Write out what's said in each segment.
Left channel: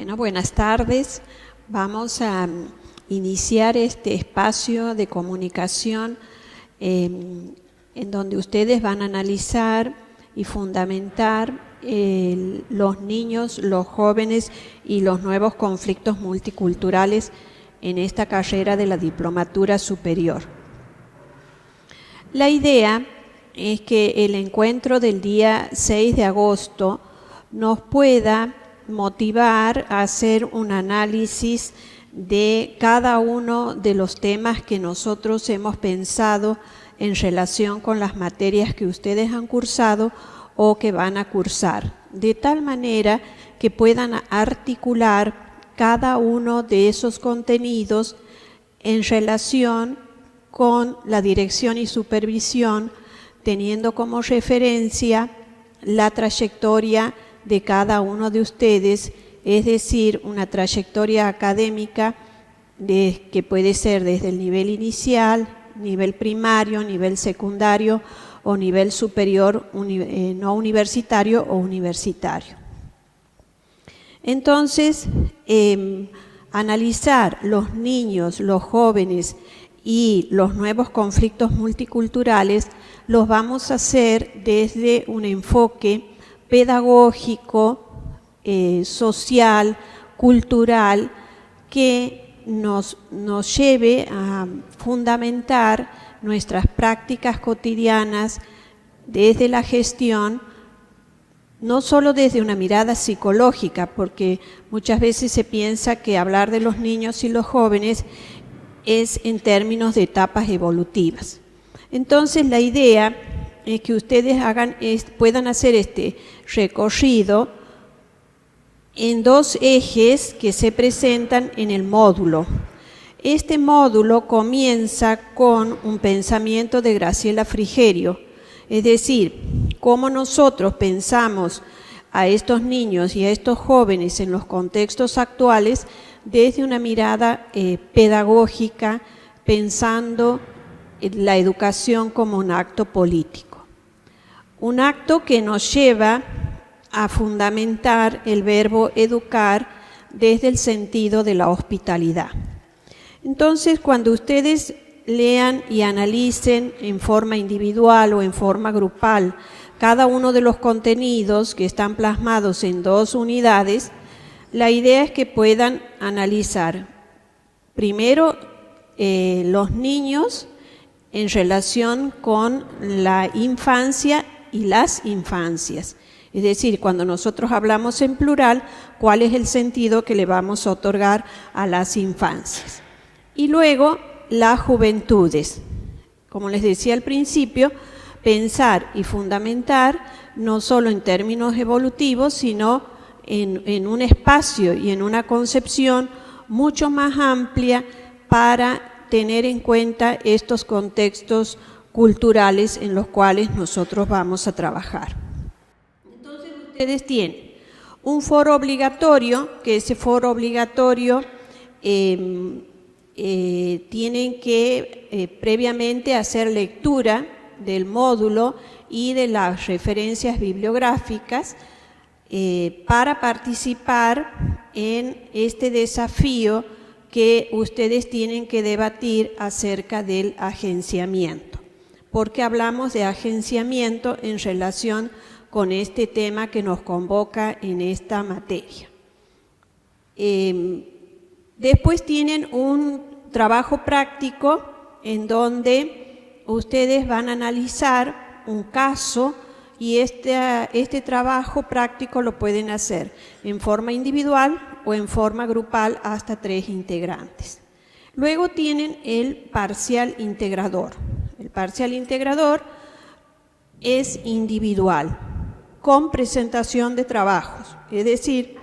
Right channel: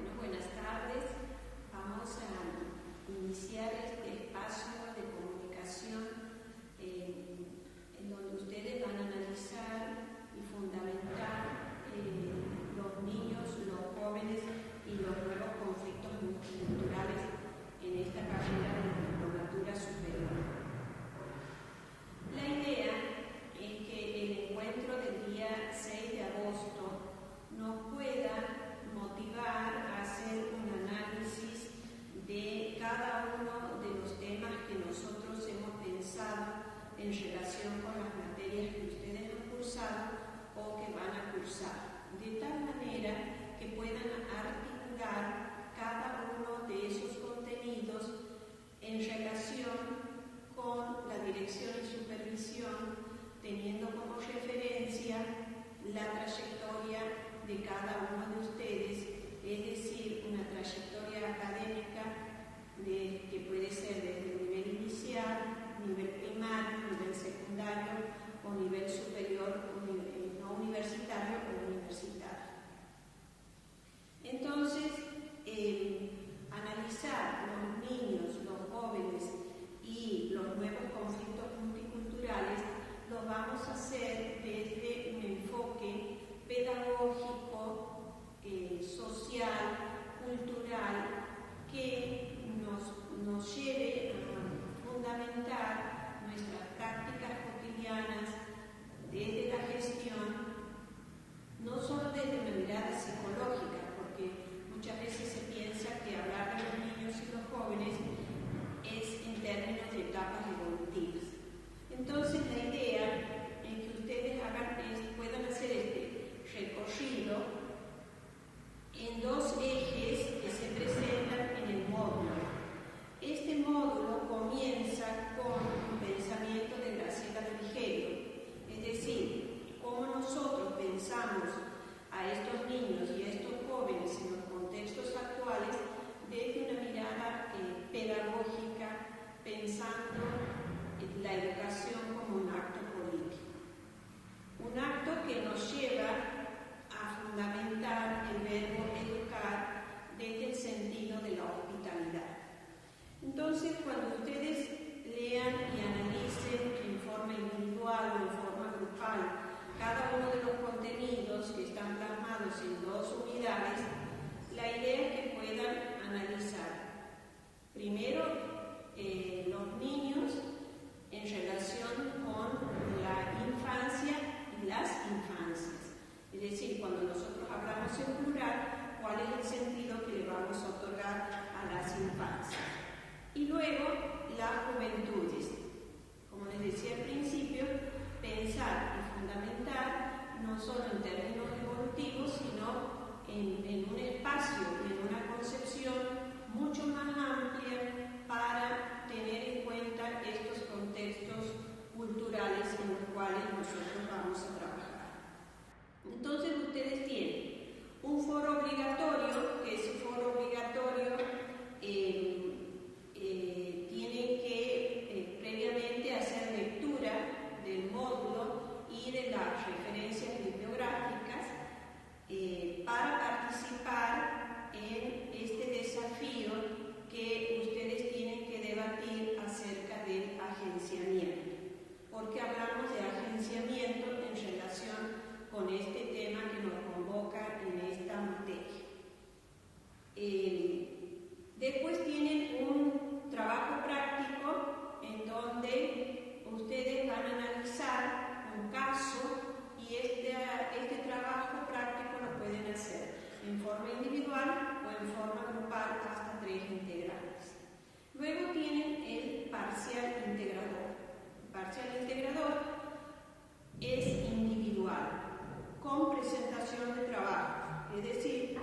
Bueno, buenas tardes. Vamos a iniciar este espacio de comunicación en donde ustedes van a analizar y fundamentar los niños, los jóvenes y los nuevos conflictos multiculturales en esta carrera de la diplomatura superior. La idea es que el encuentro del día 6 de agosto nos pueda motivar a hacer un análisis de cada uno de los temas que nosotros hemos pensado en relación con las materias que ustedes han cursado o que van a cursar, de tal manera que puedan articular cada uno de esos contenidos en relación con la dirección y supervisión, teniendo como referencia la trayectoria de cada uno de ustedes, es decir, una trayectoria académica que puede ser desde el nivel inicial, nivel primario, nivel secundario o nivel superior no universitario o universitario. Entonces, analizar los niños, los jóvenes y los nuevos conflictos multiculturales los vamos a hacer desde un enfoque pedagógico, social, cultural, que nos lleve a fundamentar nuestras prácticas cotidianas desde la gestión, no solo desde una mirada psicológica, porque muchas veces se piensa que hablar de los niños y los jóvenes es en términos de etapas evolutivas. Entonces la idea es que ustedes puedan hacer este recorrido en dos ejes que se presentan en el módulo. Este módulo comienza con un pensamiento de Graciela Frigerio, es decir, cómo nosotros pensamos a estos niños y a estos jóvenes en los contextos actuales desde una mirada pedagógica, pensando en la educación como un acto político. Un acto que nos lleva a fundamentar el verbo educar desde el sentido de la hospitalidad. Entonces, cuando ustedes lean y analicen en forma individual o en forma grupal cada uno de los contenidos que están plasmados en 2 unidades, la idea es que puedan analizar primero los niños en relación con la infancia y las infancias. Es decir, cuando nosotros hablamos en plural, ¿cuál es el sentido que le vamos a otorgar a las infancias? Y luego, las juventudes. Como les decía al principio, pensar y fundamentar no solo en términos evolutivos, sino en un espacio y en una concepción mucho más amplia para tener en cuenta estos contextos culturales en los cuales nosotros vamos a trabajar. Entonces ustedes tienen un foro obligatorio, que ese foro obligatorio tienen que previamente hacer lectura del módulo y de las referencias bibliográficas para participar en este desafío que ustedes tienen que debatir acerca del agenciamiento. Porque hablamos de agenciamiento en relación con este tema que nos convoca en esta materia. Después tienen un trabajo práctico en donde ustedes van a analizar un caso y este trabajo práctico lo pueden hacer en forma individual o en forma grupal hasta 3 integrantes. Luego tienen el parcial integrador. El parcial integrador es individual, con presentación de trabajos, es decir,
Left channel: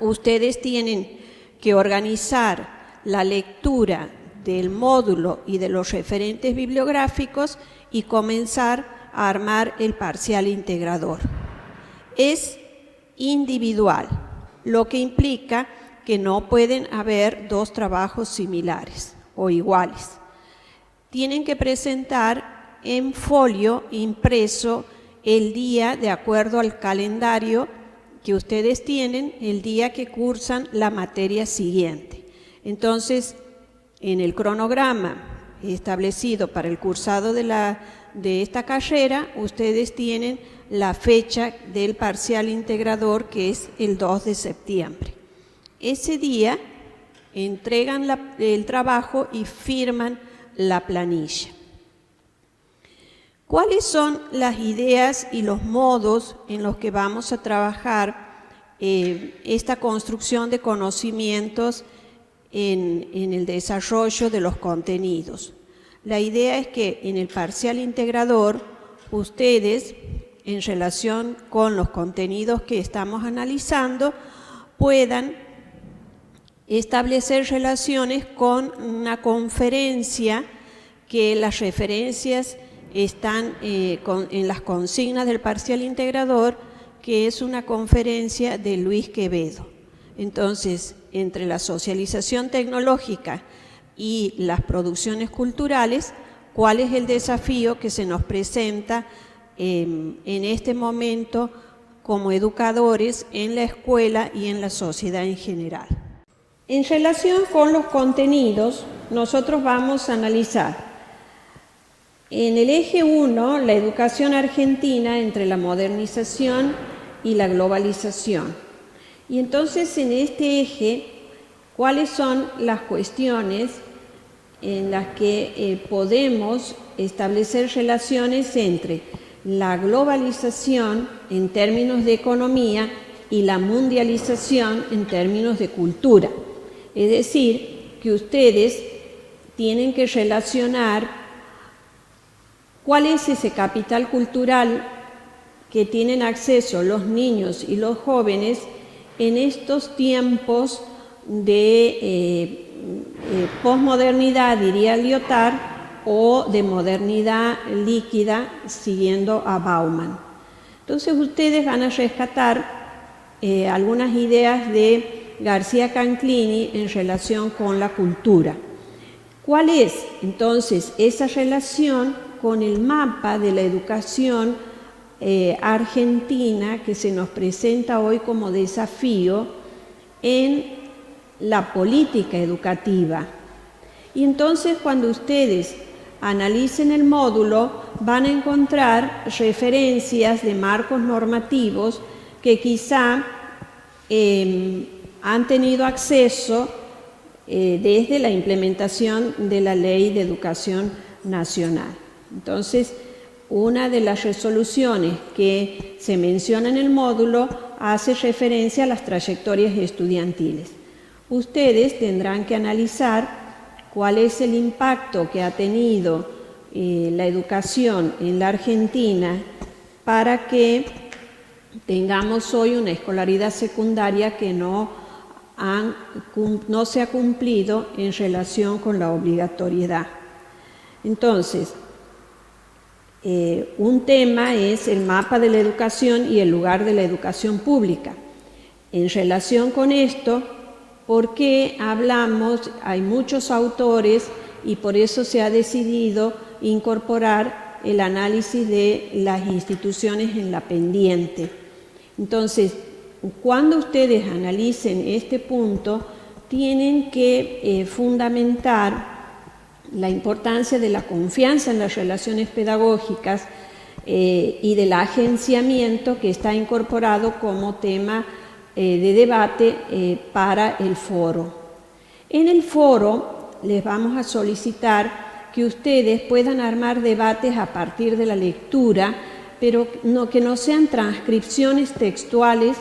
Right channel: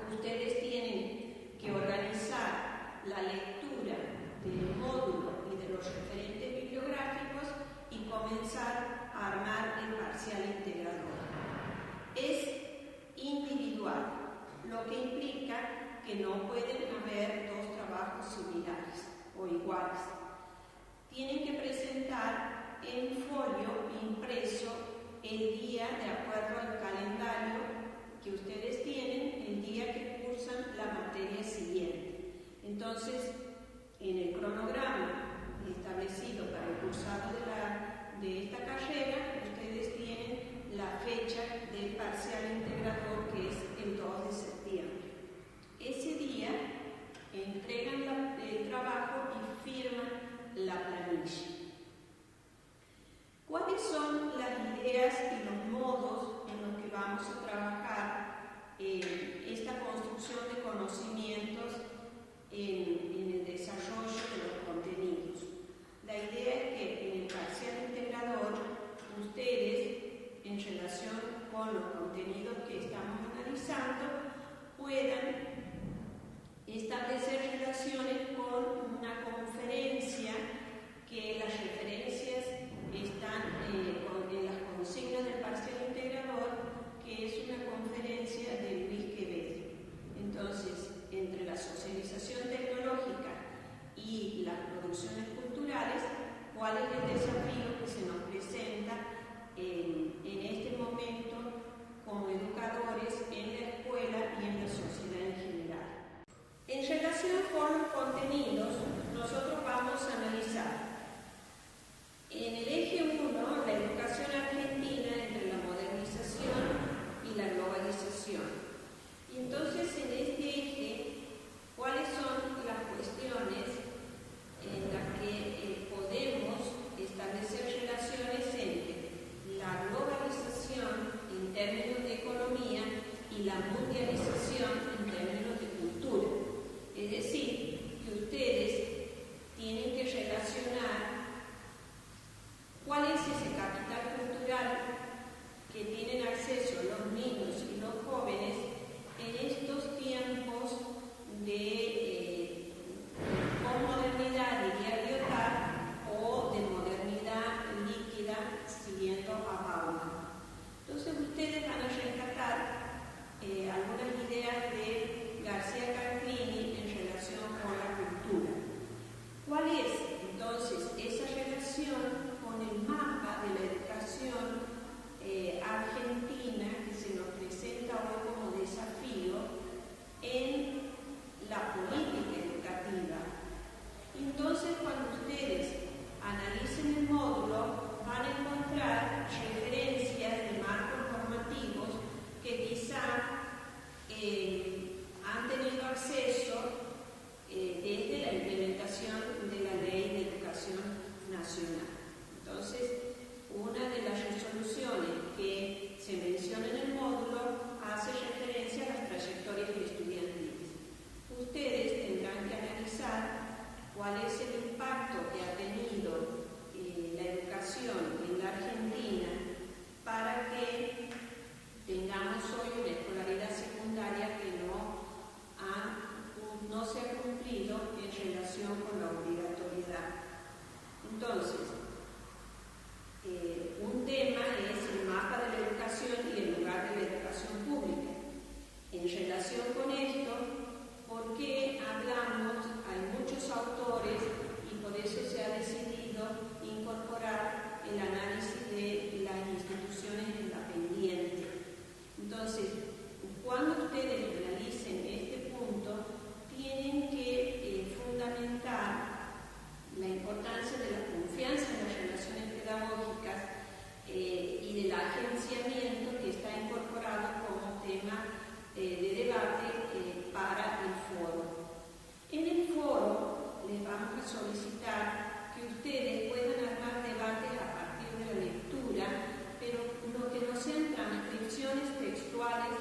ustedes tienen que organizar la lectura del módulo y de los referentes bibliográficos y comenzar a armar el parcial integrador. Es individual, lo que implica que no pueden haber 2 trabajos similares o iguales. Tienen que presentar en folio impreso el día de acuerdo al calendario que ustedes tienen el día que cursan la materia siguiente. Entonces, en el cronograma establecido para el cursado de esta carrera, ustedes tienen la fecha del parcial integrador, que es el 2 de septiembre. Ese día entregan el trabajo y firman la planilla. ¿Cuáles son las ideas y los modos en los que vamos a trabajar esta construcción de conocimientos en el desarrollo de los contenidos? La idea es que en el parcial integrador ustedes, en relación con los contenidos que estamos analizando, puedan establecer relaciones con una conferencia, que las referencias están en las consignas del parcial integrador, que es una conferencia de Luis Quevedo. Entonces, entre la socialización tecnológica y las producciones culturales, ¿cuál es el desafío que se nos presenta en este momento como educadores en la escuela y en la sociedad en general? En relación con los contenidos, nosotros vamos a analizar en el eje 1 la educación argentina entre la modernización y la globalización. Y entonces en este eje, ¿cuáles son las cuestiones en las que podemos establecer relaciones entre la globalización en términos de economía y la mundialización en términos de cultura? Es decir, que ustedes tienen que relacionar cuál es ese capital cultural que tienen acceso los niños y los jóvenes en estos tiempos de posmodernidad, diría Lyotard, o de modernidad líquida, siguiendo a Bauman. Entonces ustedes van a rescatar algunas ideas de García Canclini en relación con la cultura. ¿Cuál es entonces esa relación con el mapa de la educación argentina que se nos presenta hoy como desafío en la política educativa? Y entonces, cuando ustedes analicen el módulo, van a encontrar referencias de marcos normativos que quizá han tenido acceso desde la implementación de la Ley de Educación Nacional. Entonces, una de las resoluciones que se menciona en el módulo hace referencia a las trayectorias estudiantiles. Ustedes tendrán que analizar cuál es el impacto que ha tenido la educación en la Argentina para que tengamos hoy una escolaridad secundaria que no se ha cumplido en relación con la obligatoriedad. Entonces, un tema es el mapa de la educación y el lugar de la educación pública. En relación con esto, ¿por qué hablamos? Hay muchos autores y por eso se ha decidido incorporar el análisis de las instituciones en la pendiente. Entonces, cuando ustedes analicen este punto, tienen que fundamentar la importancia de la confianza en las relaciones pedagógicas y del agenciamiento que está incorporado como tema de debate para el foro. En el foro les vamos a solicitar que ustedes puedan armar debates a partir de la lectura, pero que no sean transcripciones textuales,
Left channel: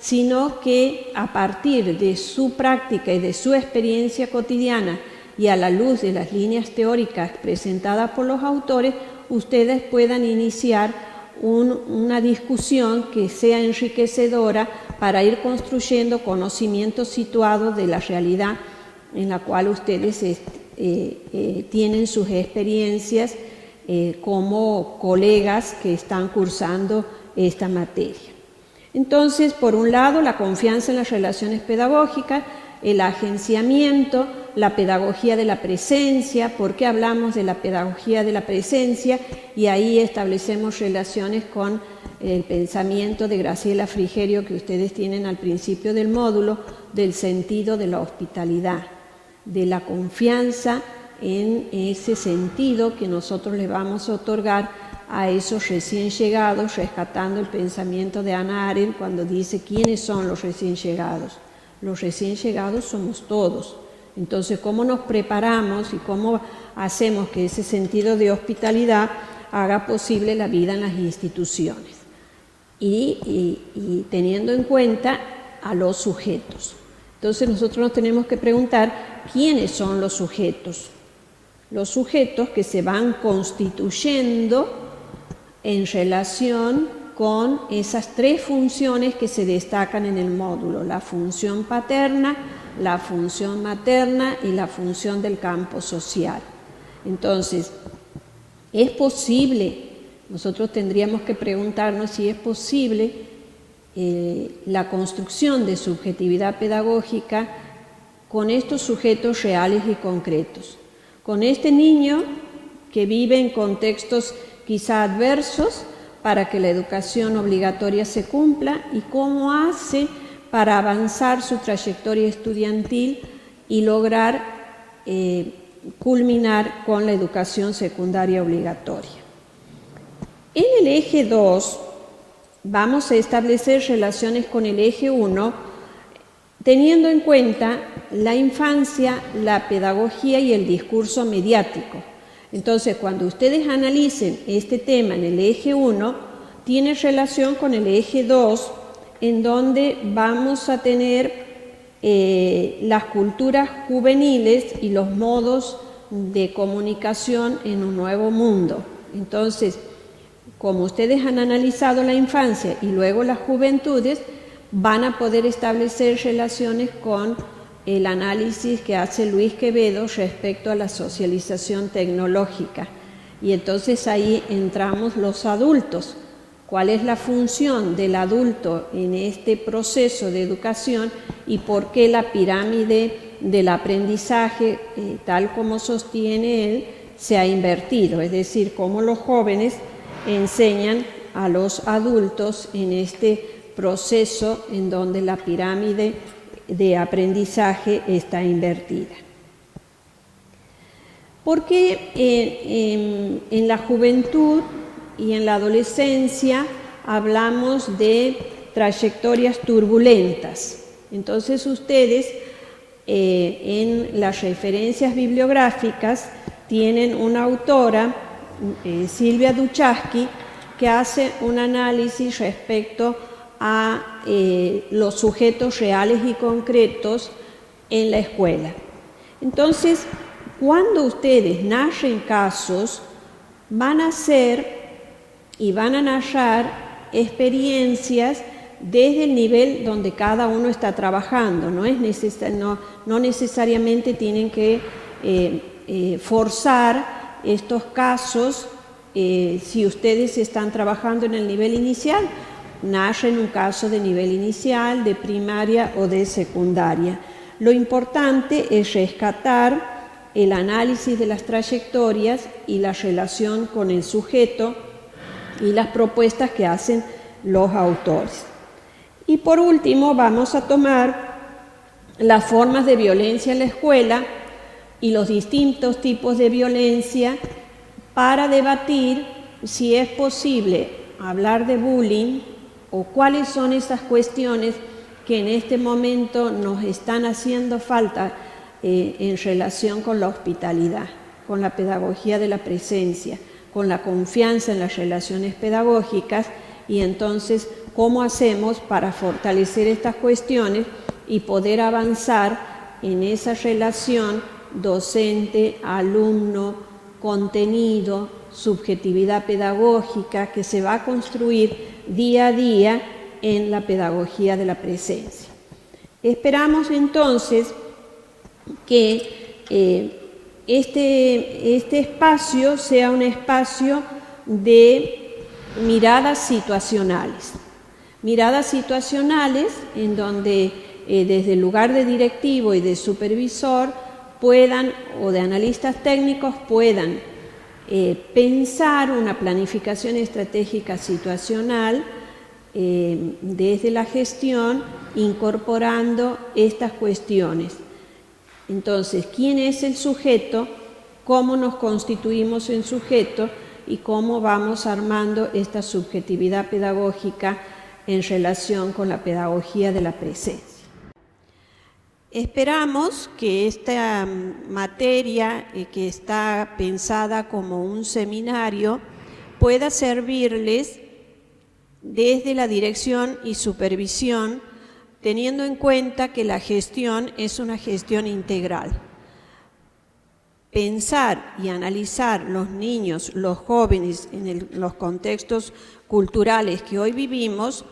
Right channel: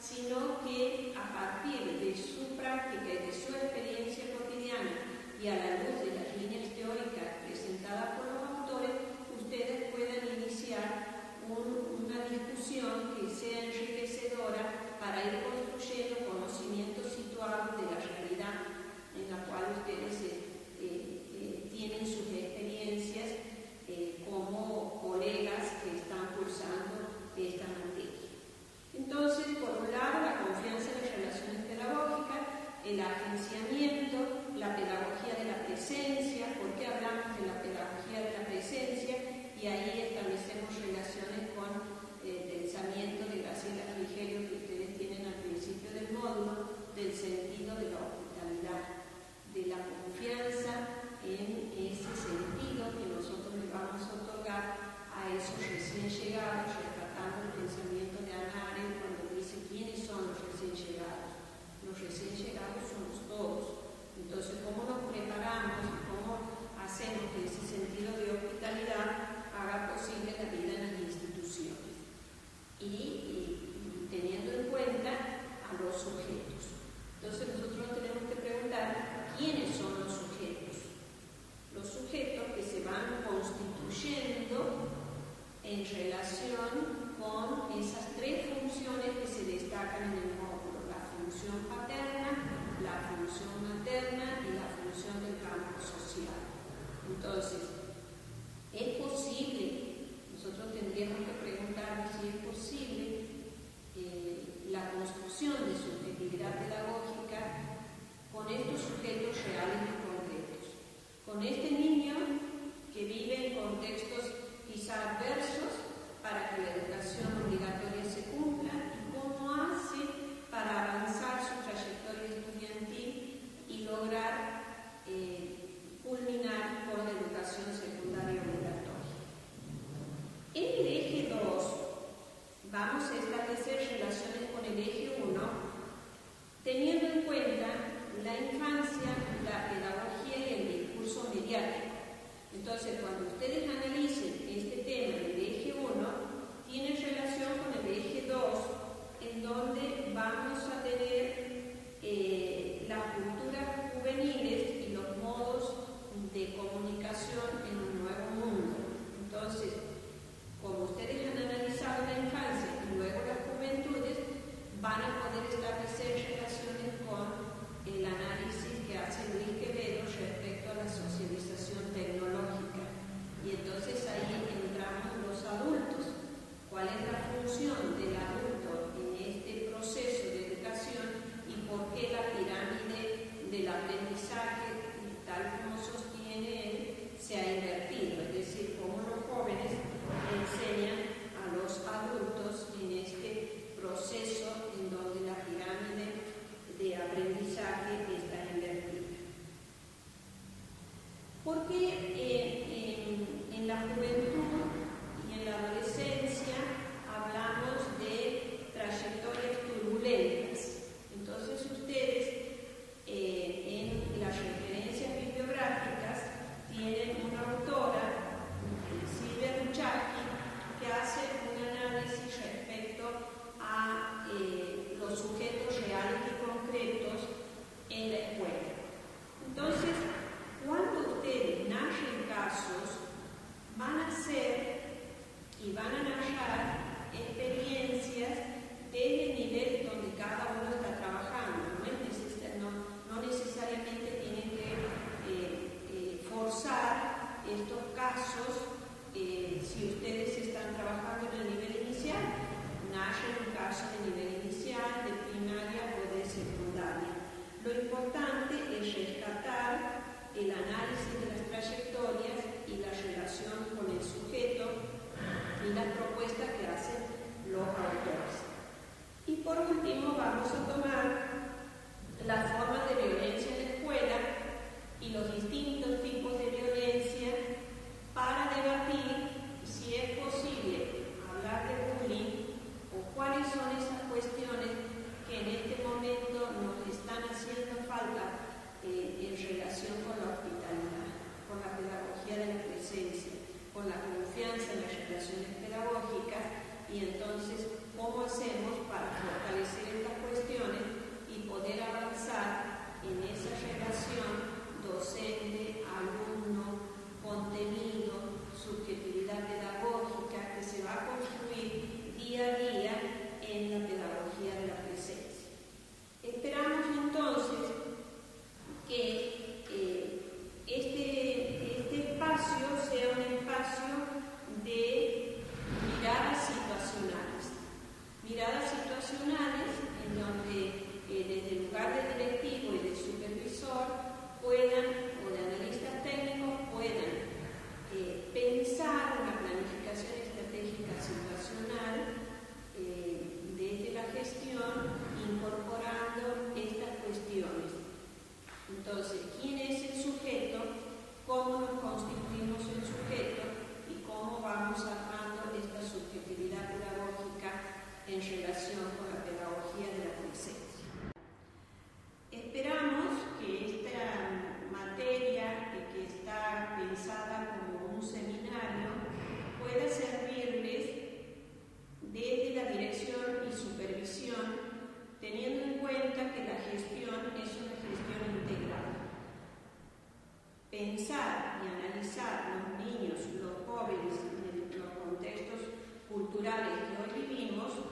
sino que a partir de su práctica y de su experiencia cotidiana y a la luz de las líneas teóricas presentadas por los autores, ustedes puedan iniciar una discusión que sea enriquecedora para ir construyendo conocimientos situados de la realidad en la cual ustedes tienen sus experiencias como colegas que están cursando esta materia. Entonces, por un lado, la confianza en las relaciones pedagógicas, el agenciamiento la pedagogía de la presencia. ¿Por qué hablamos de la pedagogía de la presencia? Y ahí establecemos relaciones con el pensamiento de Graciela Frigerio que ustedes tienen al principio del módulo, del sentido de la hospitalidad, de la confianza en ese sentido que nosotros le vamos a otorgar a esos recién llegados, rescatando el pensamiento de Hannah Arendt cuando dice ¿quiénes son los recién llegados? Los recién llegados somos todos. Entonces, ¿cómo nos preparamos y cómo hacemos que ese sentido de hospitalidad haga posible la vida en las instituciones? Y teniendo en cuenta a los sujetos. Entonces, nosotros nos tenemos que preguntar ¿quiénes son los sujetos? Los sujetos que se van constituyendo en relación con esas tres funciones que se destacan en el módulo: la función paterna, la función materna y la función del campo social. Entonces, ¿es posible? Nosotros tendríamos que preguntarnos si es posible la construcción de subjetividad pedagógica con estos sujetos reales y concretos. Con este niño que vive en contextos quizá adversos para que la educación obligatoria se cumpla, y cómo hace para avanzar su trayectoria estudiantil y lograr culminar con la educación secundaria obligatoria. En el eje 2 vamos a establecer relaciones con el eje 1, teniendo en cuenta la infancia, la pedagogía y el discurso mediático. Entonces, cuando ustedes analicen este tema en el eje 1, tiene relación con el eje 2, en donde vamos a tener las culturas juveniles y los modos de comunicación en un nuevo mundo. Entonces, como ustedes han analizado la infancia y luego las juventudes, van a poder establecer relaciones con el análisis que hace Luis Quevedo respecto a la socialización tecnológica. Y entonces ahí entramos los adultos. ¿Cuál es la función del adulto en este proceso de educación y por qué la pirámide del aprendizaje, tal como sostiene él, se ha invertido? Es decir, cómo los jóvenes enseñan a los adultos en este proceso en donde la pirámide de aprendizaje está invertida. Porque en la juventud y en la adolescencia hablamos de trayectorias turbulentas. Entonces ustedes en las referencias bibliográficas tienen una autora, Silvia Duchaski, que hace un análisis respecto a los sujetos reales y concretos en la escuela. Entonces, cuando ustedes narren casos, van a hacer y van a narrar experiencias desde el nivel donde cada uno está trabajando. No necesariamente tienen que forzar estos casos. Si ustedes están trabajando en el nivel inicial, narren un caso de nivel inicial, de primaria o de secundaria. Lo importante es rescatar el análisis de las trayectorias y la relación con el sujeto y las propuestas que hacen los autores. Y por último vamos a tomar las formas de violencia en la escuela y los distintos tipos de violencia para debatir si es posible hablar de bullying o cuáles son esas cuestiones que en este momento nos están haciendo falta en relación con la hospitalidad, con la pedagogía de la presencia, con la confianza en las relaciones pedagógicas, y entonces cómo hacemos para fortalecer estas cuestiones y poder avanzar en esa relación docente, alumno, contenido, subjetividad pedagógica que se va a construir día a día en la pedagogía de la presencia. Esperamos entonces que este espacio sea un espacio de miradas situacionales en donde desde el lugar de directivo y de supervisor puedan, o de analistas técnicos, puedan pensar una planificación estratégica situacional desde la gestión, incorporando estas cuestiones. Entonces, ¿quién es el sujeto? ¿Cómo nos constituimos en sujeto? Y cómo vamos armando esta subjetividad pedagógica en relación con la pedagogía de la presencia. Esperamos que esta materia, que está pensada como un seminario, pueda servirles desde la dirección y supervisión, teniendo en cuenta que la gestión es una gestión integral. Pensar y analizar los niños, los jóvenes en los contextos culturales que hoy vivimos,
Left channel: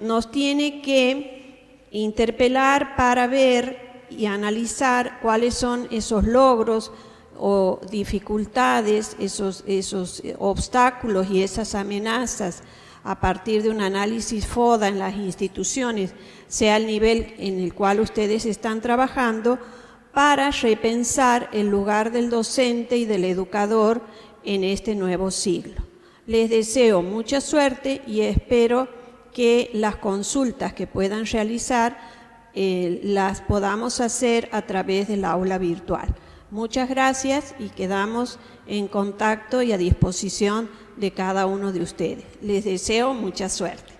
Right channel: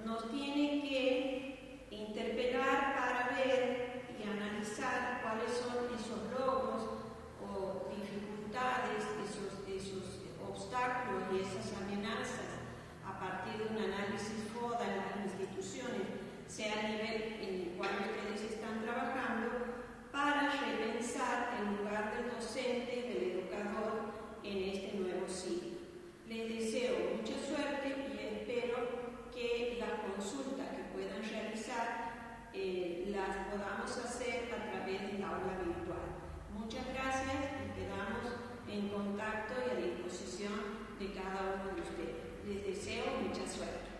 nos tiene que interpelar para ver y analizar cuáles son esos logros o dificultades, esos obstáculos y esas amenazas a partir de un análisis FODA en las instituciones, sea el nivel en el cual ustedes están trabajando, para repensar el lugar del docente y del educador en este nuevo siglo. Les deseo mucha suerte y espero que las consultas que puedan realizar las podamos hacer a través del aula virtual. Muchas gracias y quedamos en contacto y a disposición de cada uno de ustedes. Les deseo mucha suerte.